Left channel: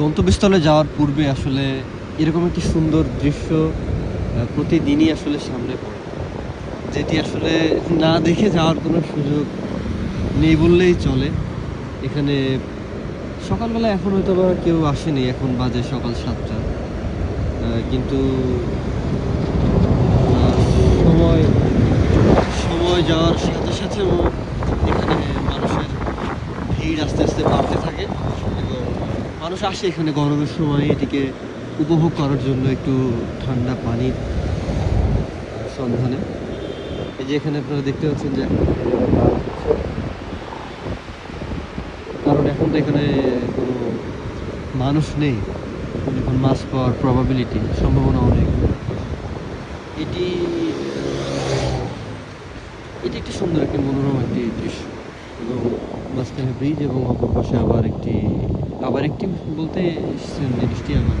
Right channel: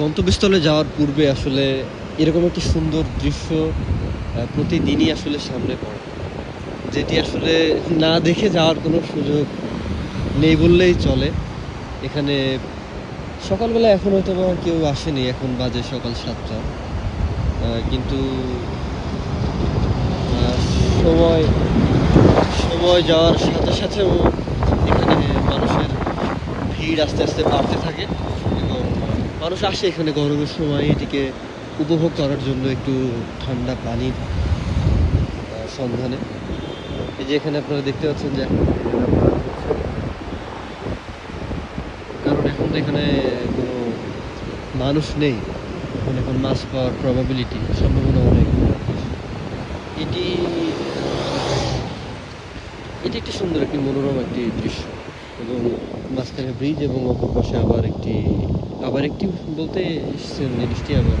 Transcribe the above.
গন্তব্যস্থলে যাওয়ার পূর্বে আসলে এরকম একটি সুন্দর দৃশ্য প্রতিদিনই আসলে সামনে পড়ে। যেটি আসলে না দেখে যাওয়ার কোনো সুযোগ নেই বললেই চলে। এখানে সকালবেলা এখন হয়তোবা কেউ আসেনি। এখন বাজে সকাল ৭ঃ০০। কিন্তু আ সময় সময় যাওয়ার সাথে, সাথেও এখানে মানুষের ভিড় আস্তে, আস্তে বাড়তে থাকে এবং মানুষ আসে এখানে গরমের সময় এটিকে উপভোগ করার জন্য একটু ঠান্ডা পানির সন্ধানে। এই যে এখানে আপনারা দেখতে পাচ্ছেন যে এখন নিজেরা মাছ ধরছে। কারণ এখন তো এখানে কোনো মানুষ নেই। এখন মাছ পাওয়ার সম্ভাবনা অনেক বেশি। এটি এটি একটি সুন্দর একটি মনোরম একটি দৃশ্য এবং মাঝখানে ব্রিজ এবং অপর পাশে আবার একটি বলতে সেম জিনিসটি আবার